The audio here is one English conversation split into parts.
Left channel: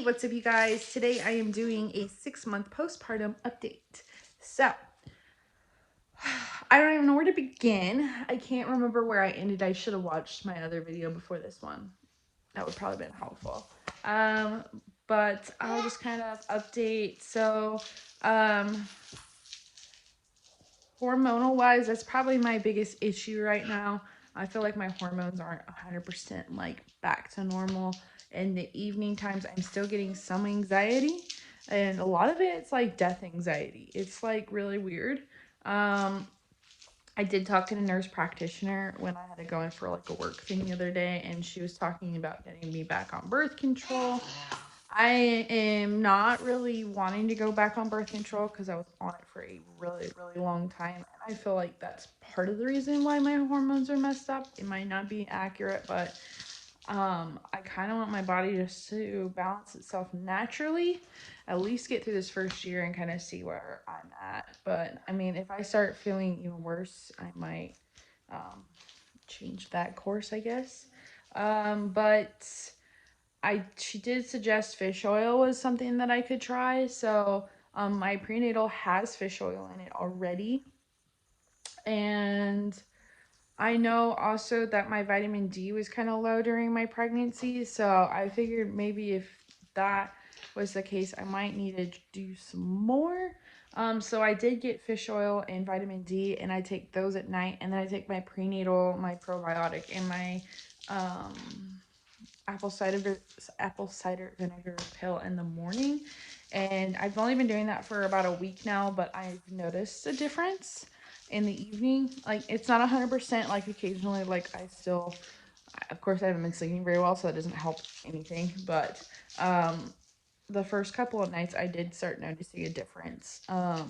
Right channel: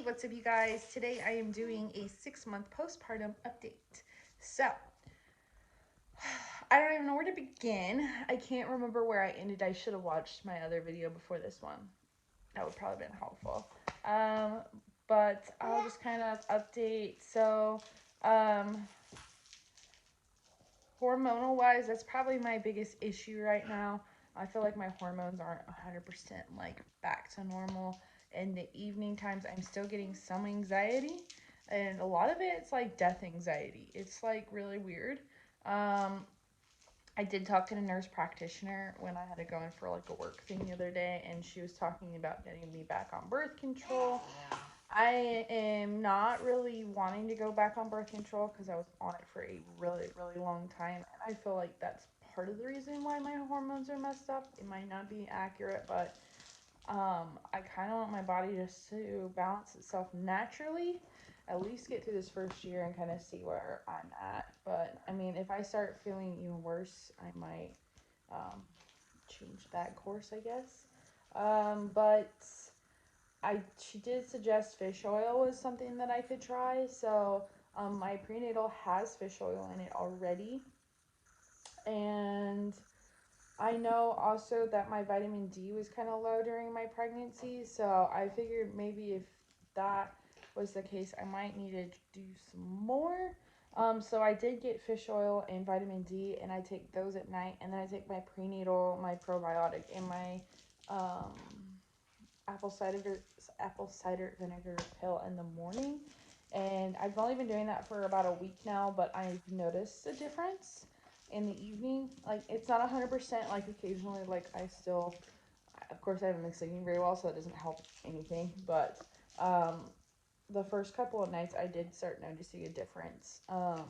Hey, what's up you guys? Today I am doing a 6-month postpartum update. So, I don't even know where to begin. I can't remember where I ended. I should have watched my other video before this one. That would probably have been helpful. But I'll just kind of update. So, hormonal wise, that's probably my biggest issue right now. I feel like my hormones aren't 100% like back to normal. In the evening times, I'm still getting some anxiety, and a lot of it's like death anxiety. It's like really weird. I did talk to the nurse practitioner when I had to go in for like a work thing the other day, and she was talking about getting me back on birth control. I am not really wanting to go back on birth control because I was on it for a really, really long time. And I feel like that's part of the reason why my hormones are messed up. It might not be accurate, but I kind of want my body just to balance itself naturally, at least get through this first year and kind of see where I'm at. But I mean, if I start feeling even worse, I might change that course, I guess. But she did suggest fish oil was something that I could try. So my prenatal has fish oil in it already. And I know also that my vitamin D was kind of low during my pregnancy. So I figured maybe if that was the case, I might need to do some more. So I did get fish oil and vitamin D, and I take those at night. And then I take my prenatal, my probiotic, and my um, apple cider vinegar pill in the morning. And I've only been doing that for about a week now, but I've noticed a difference in the evening. Like it's not 100%, like occasionally like I still, of course I haven't been sleeping very well, so it doesn't help anything, but the first couple of nights I did start noticing a difference. I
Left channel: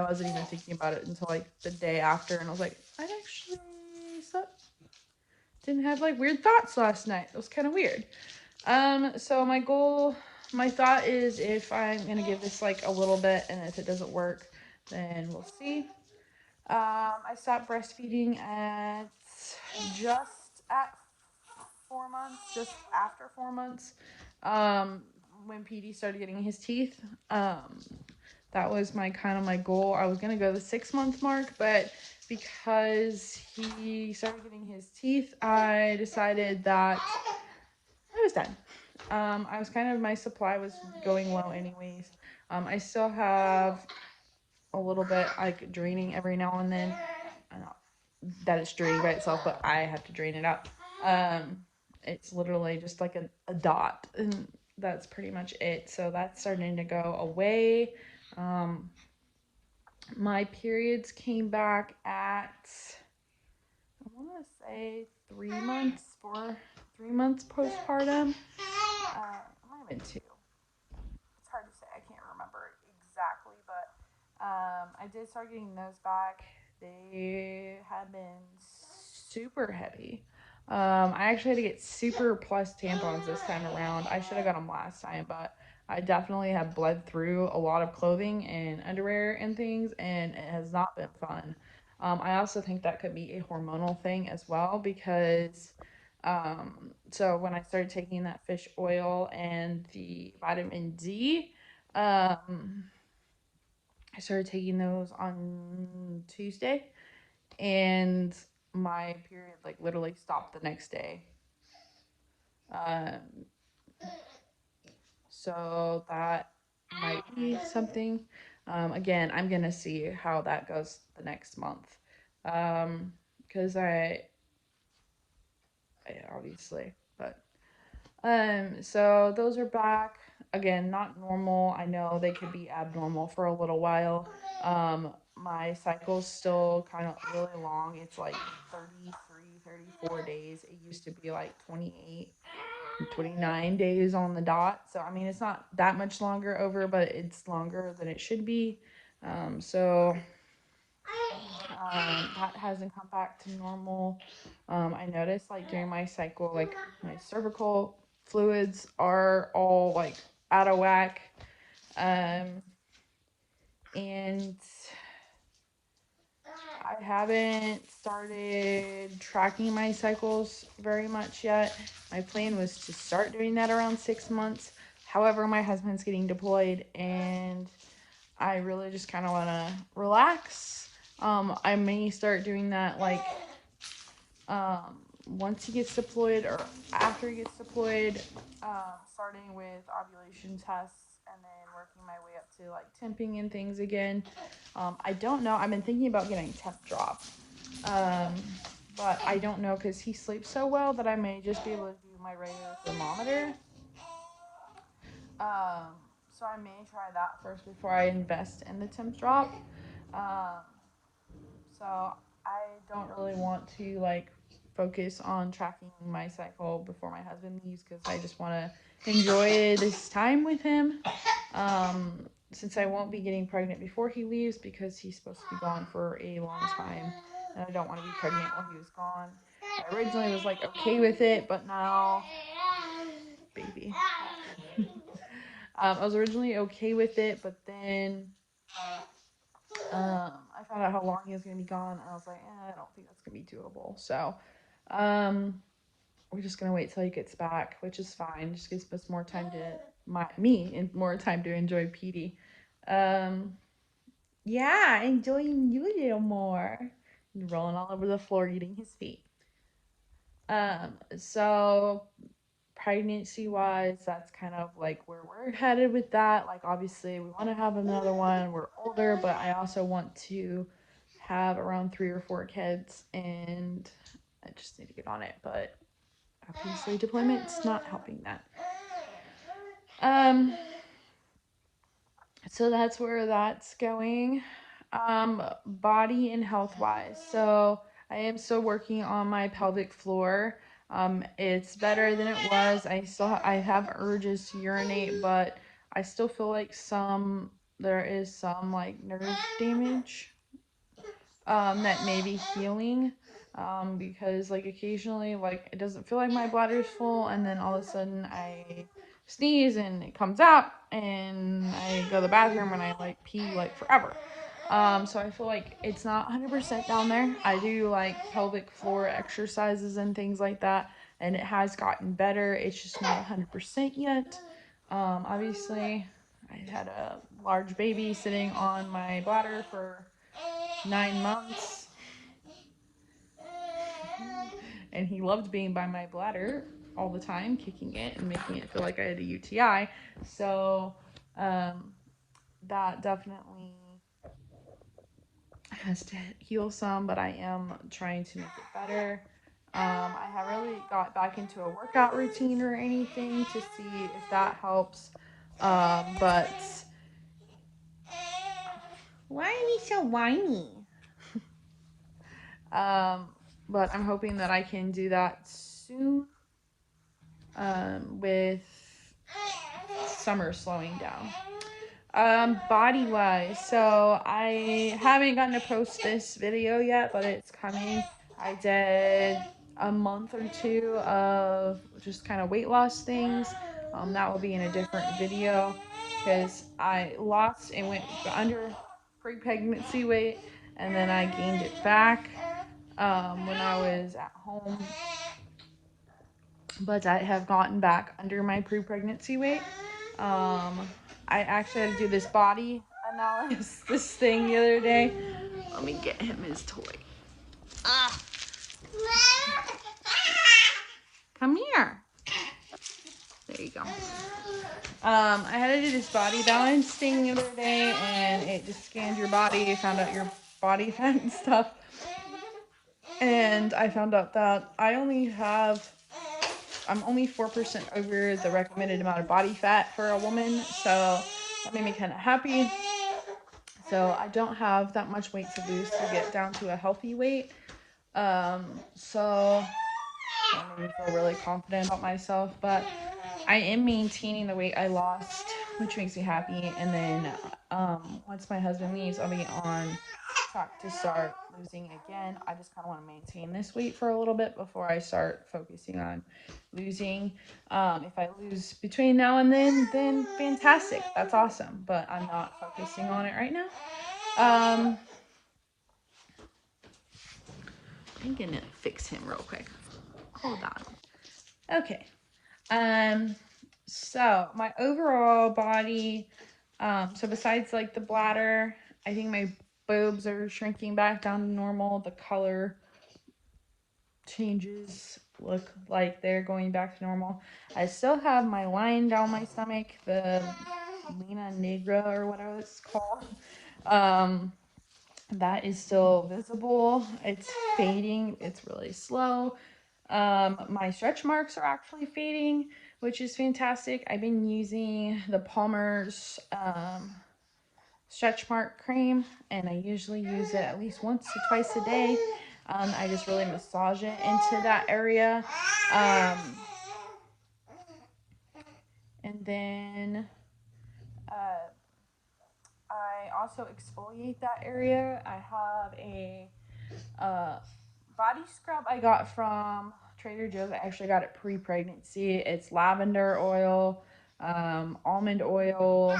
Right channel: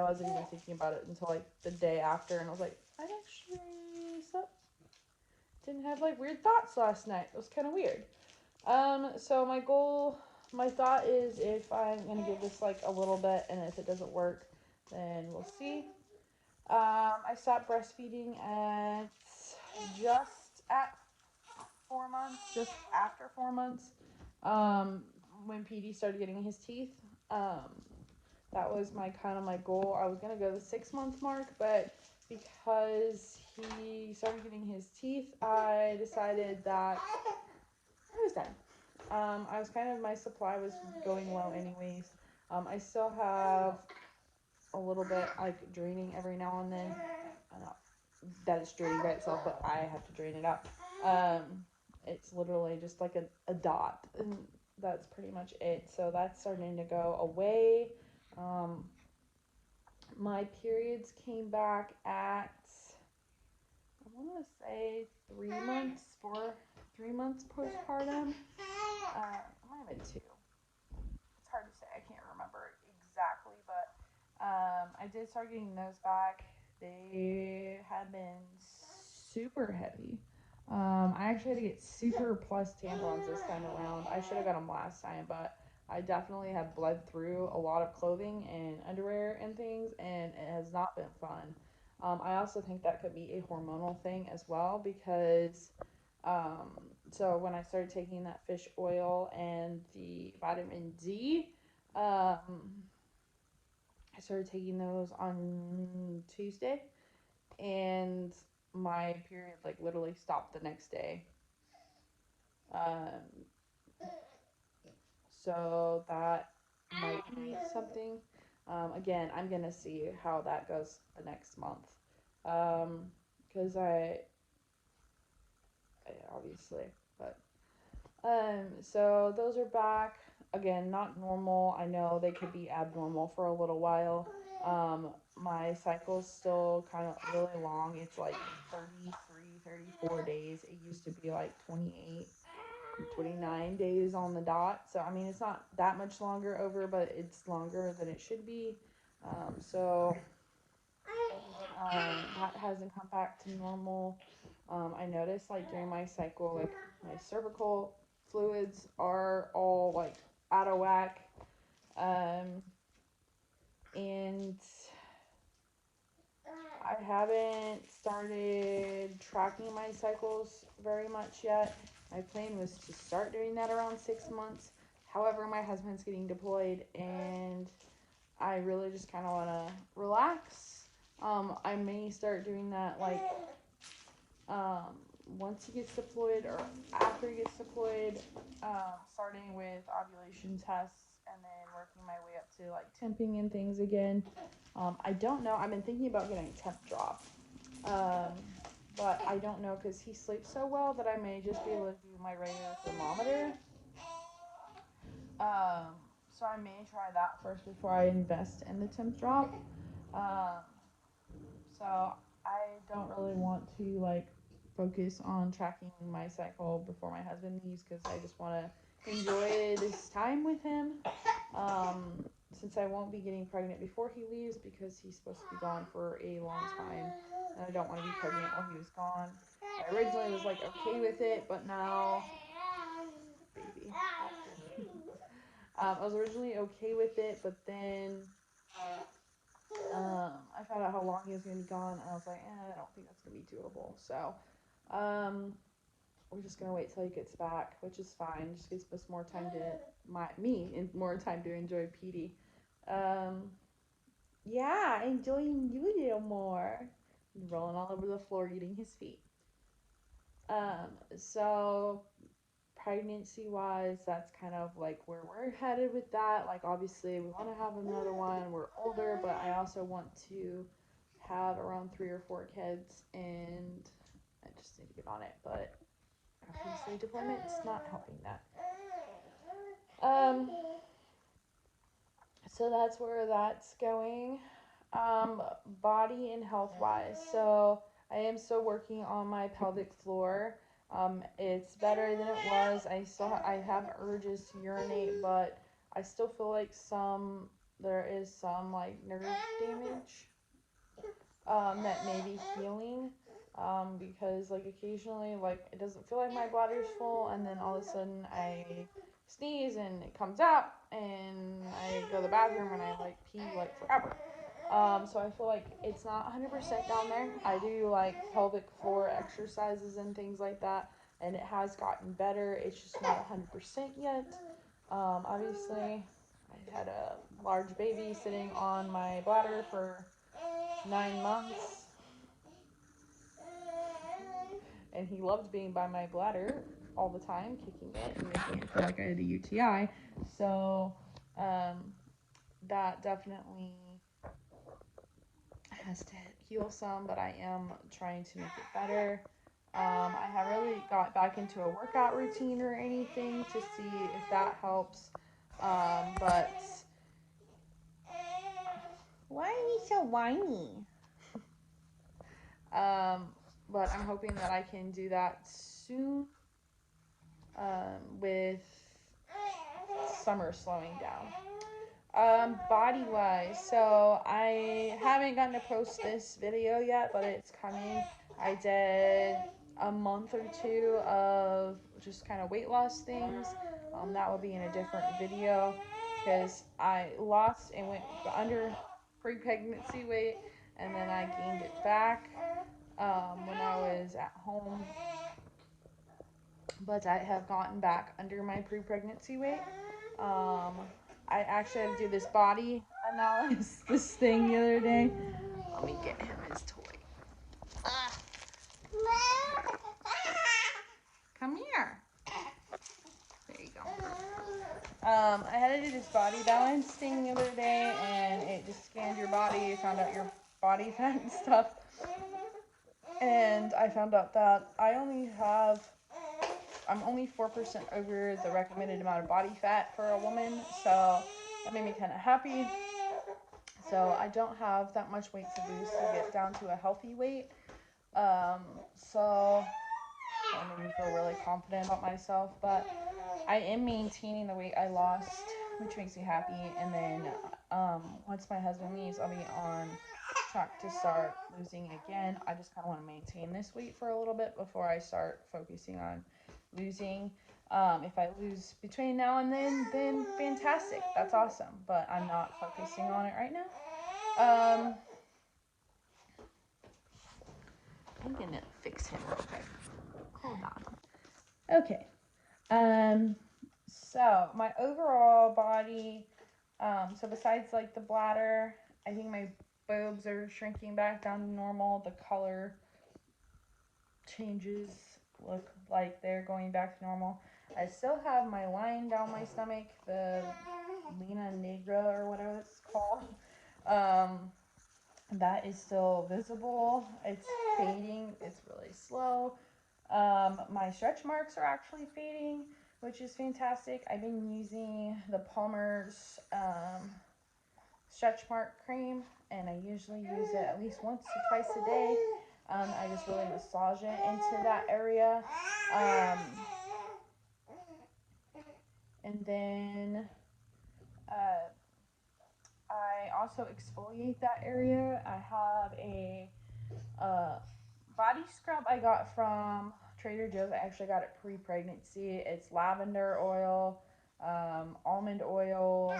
wasn't even thinking about it until like the day after, and I was like, I actually slept, didn't have like weird thoughts last night. It was kind of weird. So my thought is if I'm gonna give this like a little bit, and if it doesn't work, then we'll see. I stopped breastfeeding at just at 4 months, just after 4 months. Um, when PD started getting his teeth. That was my kind of my goal. I was gonna go the 6 month mark, but because he started getting his teeth, I decided that I was done. I was kind of, my supply was going low anyways. I still have a little bit like draining every now and then. I know that it's draining by itself, but I have to drain it out. Um, it's literally just like a dot, and that's pretty much it. So that's starting to go away. Um, my periods came back at, I want to say 3 months, 3 months postpartum. It might have been 2. It's hard to say. I can't remember exactly, but I did start getting those back. They had been super heavy. I actually had to get super plus tampons this time around. I should have got them last time, but I definitely have bled through a lot of clothing and underwear and things, and it has not been fun. I also think that could be a hormonal thing as well because um, so when I started taking that fish oil and the vitamin D, I started taking those on Tuesday, and my period like literally stopped the next day. Um, so that might be something. Again, I'm gonna see how that goes the next month. Because I obviously, but so those are back. Again, not normal. I know they could be abnormal for a little while. My cycle's still kind of really long. It's like 33, 34 days. It used to be like 28, 29 days on the dot. So, I mean, it's not that much longer over, but it's longer than it should be. So that hasn't come back to normal. I noticed like during my cycle, like my cervical fluids are all like out of whack. Um, and I haven't started tracking my cycles very much yet. My plan was to start doing that around 6 months. However, my husband's getting deployed and I really just kind of want to relax. I may start doing that like um, once he gets deployed or after he gets deployed, starting with ovulation tests and then working my way up to like temping and things again. I don't know. I've been thinking about getting temp drop. Um, but I don't know because he sleeps so well that I may just be able to do my regular thermometer. Um, so I may try that first before I invest in the temp drop. Um, so I don't really want to like focus on tracking my cycle before my husband leaves because I just want to enjoy this time with him. Um, since I won't be getting pregnant before he leaves because he's supposed to be gone for a long time and I don't want to be pregnant while he was gone. I originally was like okay with it, but now, baby. I was originally okay with it, but then I found out how long he was going to be gone, and I was like, I don't think that's going to be doable. So, um, we're just going to wait till he gets back, which is fine. Just gives us more time and more time to enjoy Petey. Um, yeah, enjoying you a little more. Rolling all over the floor, eating his feet. So pregnancy wise, that's kind of like where we're headed with that. Like, obviously, we want to have another one. We're older, but I also want to have around 3 or 4 kids, and I just need to get on it. But obviously, deployment's not helping that. Um, so that's where that's going. Body and health wise. So I am still working on my pelvic floor. It's better than it was. I have urges to urinate, but I still feel like there is some like nerve damage that may be healing. Because like occasionally like it doesn't feel like my bladder's full and then all of a sudden I sneeze and it comes out and I go to the bathroom and I like pee like forever. So I feel like it's not 100% down there. I do like pelvic floor exercises and things like that, and it has gotten better. It's just not 100% yet. Obviously, I had a large baby sitting on my bladder for 9 months, and he loved being by my bladder all the time, kicking it and making it feel like I had a UTI. So that definitely has to heal some, but I am trying to make it better. I haven't really got back into a workout routine or anything to see if that helps. But why are you so whiny? But I'm hoping that I can do that soon. With summer slowing down. Body wise, so I haven't gotten to post this video yet, but it's coming. I did a month or two of just kind of weight loss things. That will be in a different video because I lost and went under pre-pregnancy weight, and then I gained it back when I was at home. But I have gotten back under my pre-pregnancy weight. I actually had to do this body analysis, this thing the other day. Let me get him his toy. Come here. There you go. I had to do this body balance thing the other day, and it just scanned your body, found out your body fat and stuff. And I found out that I'm only 4% over the recommended amount of body fat for a woman, so that made me kind of happy. So I don't have that much weight to lose to get down to a healthy weight. So that made me feel really confident about myself, but I am maintaining the weight I lost, which makes me happy. And then once my husband leaves, I'll be on track to start losing again. I just kind of want to maintain this weight for a little bit before I start focusing on losing. If I lose between now and then fantastic. That's awesome. But I'm not focusing on it right now. I'm gonna fix him real quick. Hold on. Okay. So my overall body, so besides like the bladder, I think my boobs are shrinking back down to normal. The color changes look like they're going back to normal. I still have my line down my stomach, the Lena Negra or whatever it's called. Um, that is still visible. It's fading. It's really slow. My stretch marks are actually fading, which is fantastic. I've been using the Palmer's stretch mark cream, and I usually use it at least once to twice a day. I just really massage it into that area. Um, and then uh, I also exfoliate that area. I have a uh, body scrub I got from Trader Joe's. I actually got it pre-pregnancy. It's lavender oil, almond oil,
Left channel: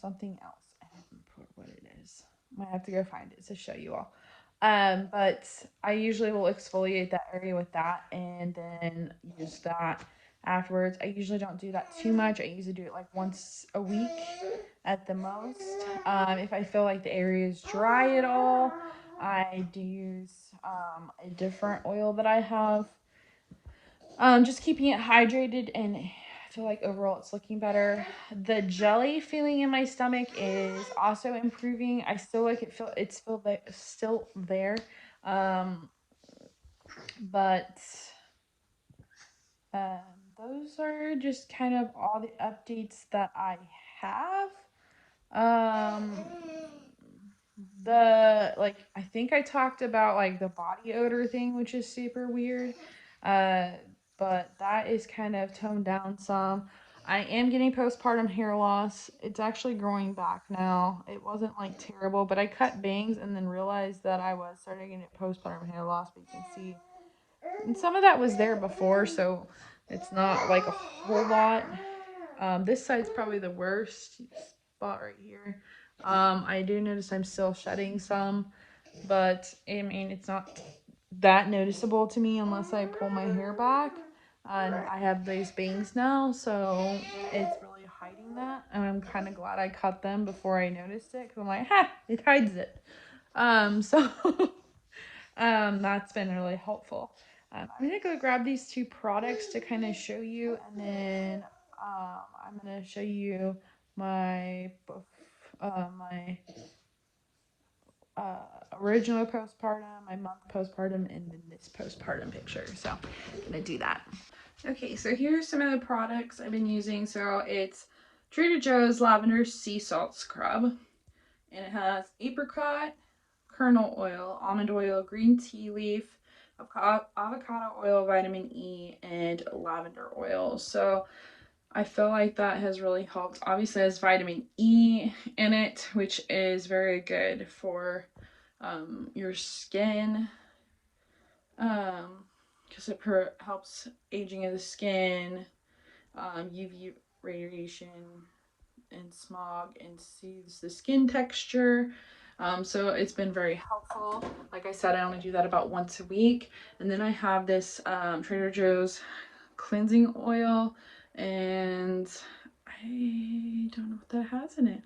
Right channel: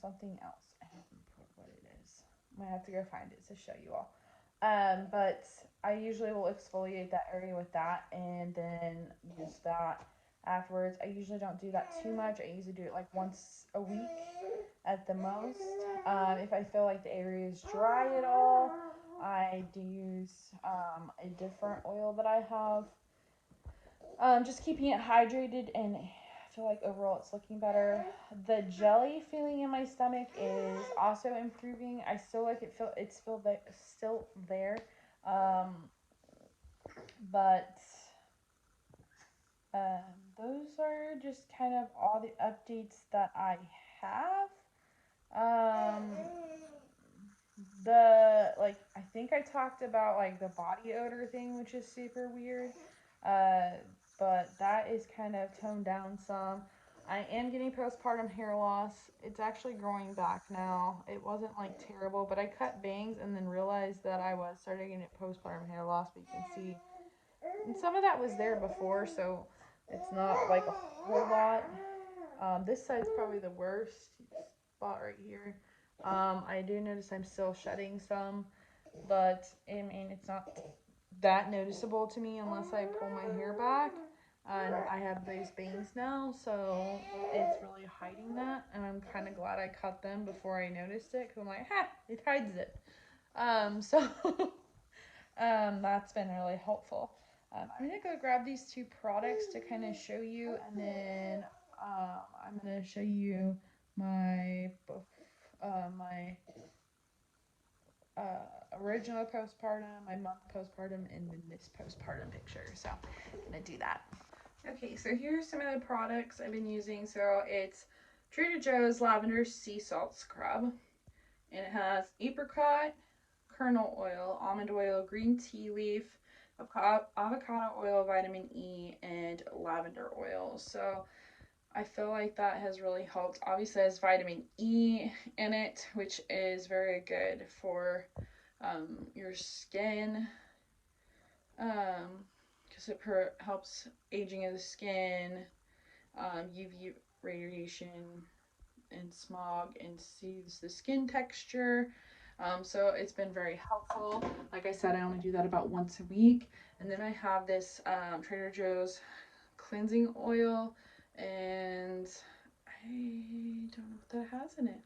something else. I don't remember what it is. Might have to go find it to show you all. But I usually will exfoliate that area with that and then use that afterwards. I usually don't do that too much. I usually do it like once a week at the most. If I feel like the area is dry at all, I do use a different oil that I have. Just keeping it hydrated, and I feel like overall it's looking better. The jelly feeling in my stomach is also improving. I still like it. It's still there, um, but those are just kind of all the updates that I have. Um, the like I think I talked about like the body odor thing, which is super weird. Uh, but that is kind of toned down some. I am getting postpartum hair loss. It's actually growing back now. It wasn't like terrible, but I cut bangs and then realized that I was starting to get postpartum hair loss. But you can see, and some of that was there before, so it's not like a whole lot. This side's probably the worst spot right here. I do notice I'm still shedding some, but I mean, it's not that noticeable to me unless I pull my hair back. And I have these bangs now, so it's really hiding that. And I'm kind of glad I cut them before I noticed it because I'm like, ha, it hides it. So that's been really helpful. I'm gonna go grab these two products to kind of show you, and then I'm gonna show you my my original postpartum, my month postpartum, and then this postpartum picture. So I'm gonna do that. Okay, so here's some of the products I've been using. So it's Trader Joe's Lavender Sea Salt Scrub, and it has apricot, kernel oil, almond oil, green tea leaf, avocado oil, vitamin E, and lavender oil. So I feel like that has really helped. Obviously, it has vitamin E in it, which is very good for your skin, because it helps aging of the skin, UV radiation, and smog, and soothes the skin texture. So it's been very helpful. Like I said, I only do that about once a week. And then I have this Trader Joe's cleansing oil, and I don't know what that has in it.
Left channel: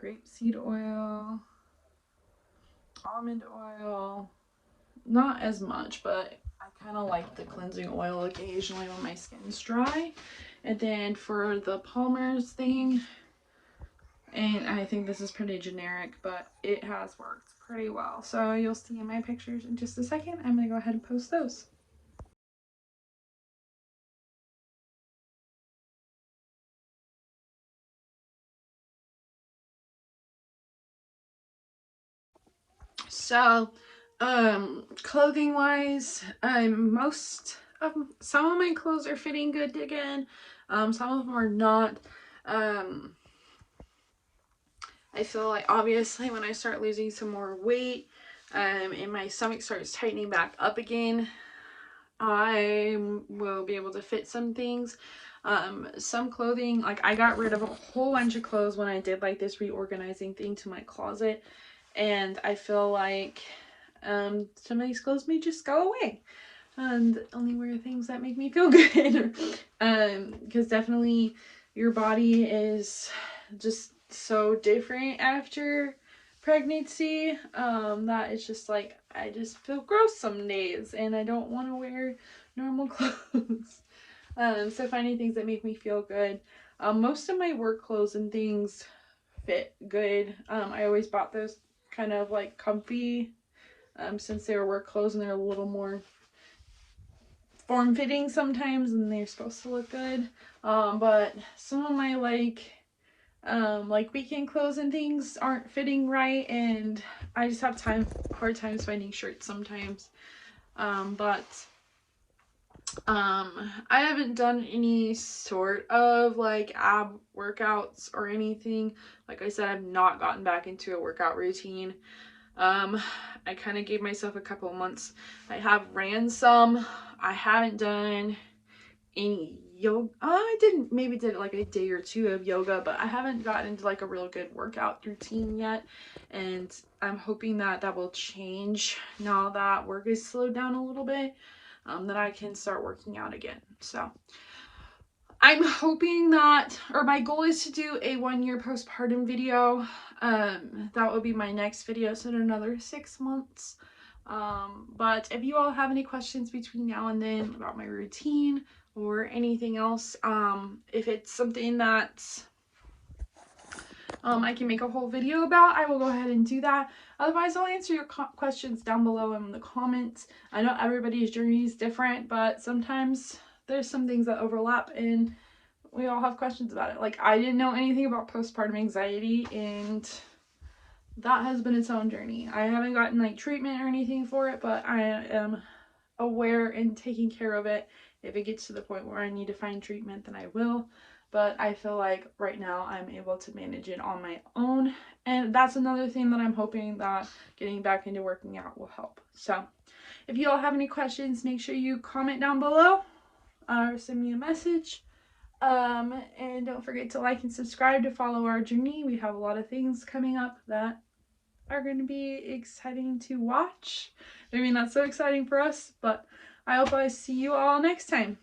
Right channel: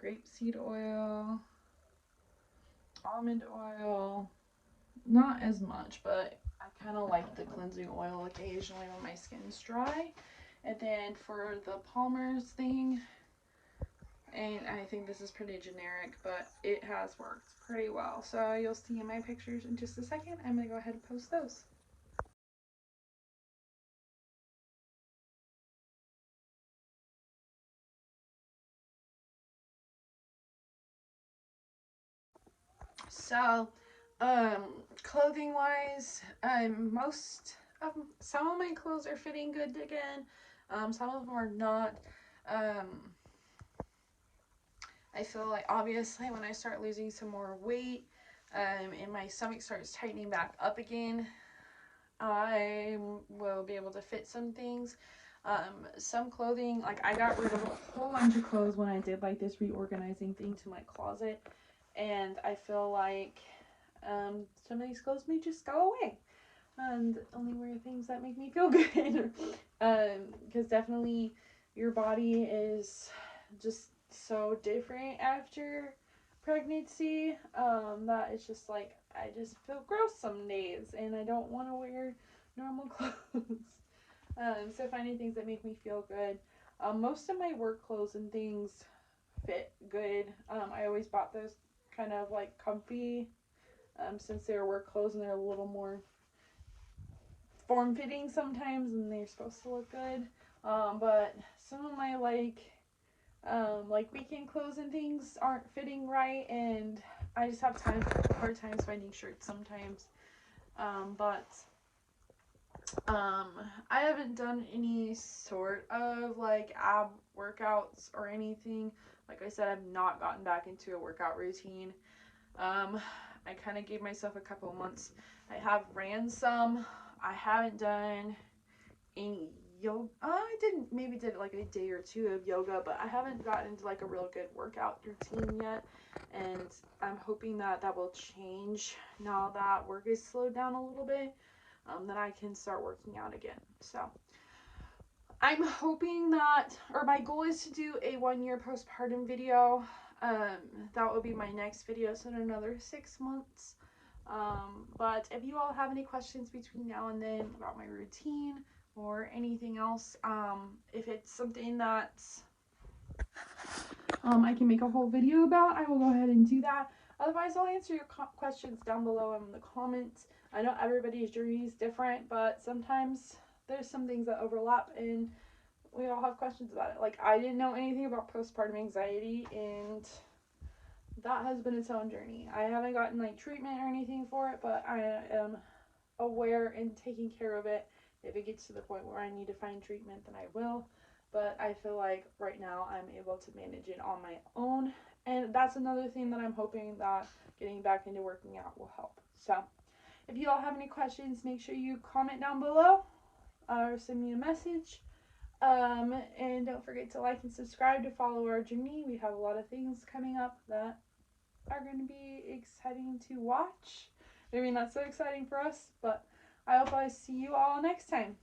Grapeseed oil, almond oil, not as much, but I kind of like the cleansing oil occasionally when my skin's dry. And then for the Palmer's thing, and I think this is pretty generic, but it has worked pretty well. So you'll see in my pictures in just a second. I'm going to go ahead and post those. So, clothing wise, some of my clothes are fitting good again. Some of them are not. Um, I feel like obviously when I start losing some more weight, and my stomach starts tightening back up again, I will be able to fit some things. Some clothing, like I got rid of a whole bunch of clothes when I did like this reorganizing thing to my closet, and I feel like some of these clothes may just go away. and only wear things that make me feel good. Because definitely your body is just so different after pregnancy, that it's just like I just feel gross some days and I don't want to wear normal clothes. So finding things that make me feel good. Most of my work clothes and things fit good. I always bought those kind of like comfy, since they were work clothes and they're a little more form fitting sometimes and they're supposed to look good. But some of my like weekend clothes and things aren't fitting right, and I just have hard times finding shirts sometimes. But I haven't done any sort of like ab workouts or anything. Like I said, I've not gotten back into a workout routine. I kind of gave myself a couple months. I have ran some. I haven't done any yoga. I didn't maybe did like a day or two of yoga, but I haven't gotten into like a real good workout routine yet. And I'm hoping that that will change now that work is slowed down a little bit. That I can start working out again. So I'm hoping that, or my goal is to do a 1-year postpartum video. That will be my next video, so in another 6 months. But if you all have any questions between now and then about my routine or anything else, if it's something that I can make a whole video about, I will go ahead and do that. Otherwise, I'll answer your questions down below in the comments. I know everybody's journey is different, but sometimes there's some things that overlap and we all have questions about it. Like, I didn't know anything about postpartum anxiety, and that has been its own journey. I haven't gotten like treatment or anything for it, but I am aware and taking care of it. If it gets to the point where I need to find treatment, then I will. But I feel like right now I'm able to manage it on my own. And that's another thing that I'm hoping that getting back into working out will help. So if you all have any questions, make sure you comment down below or send me a message. And don't forget to like and subscribe to follow our journey. We have a lot of things coming up that are going to be exciting to watch. I mean, not so exciting for us, but I hope I see you all next time.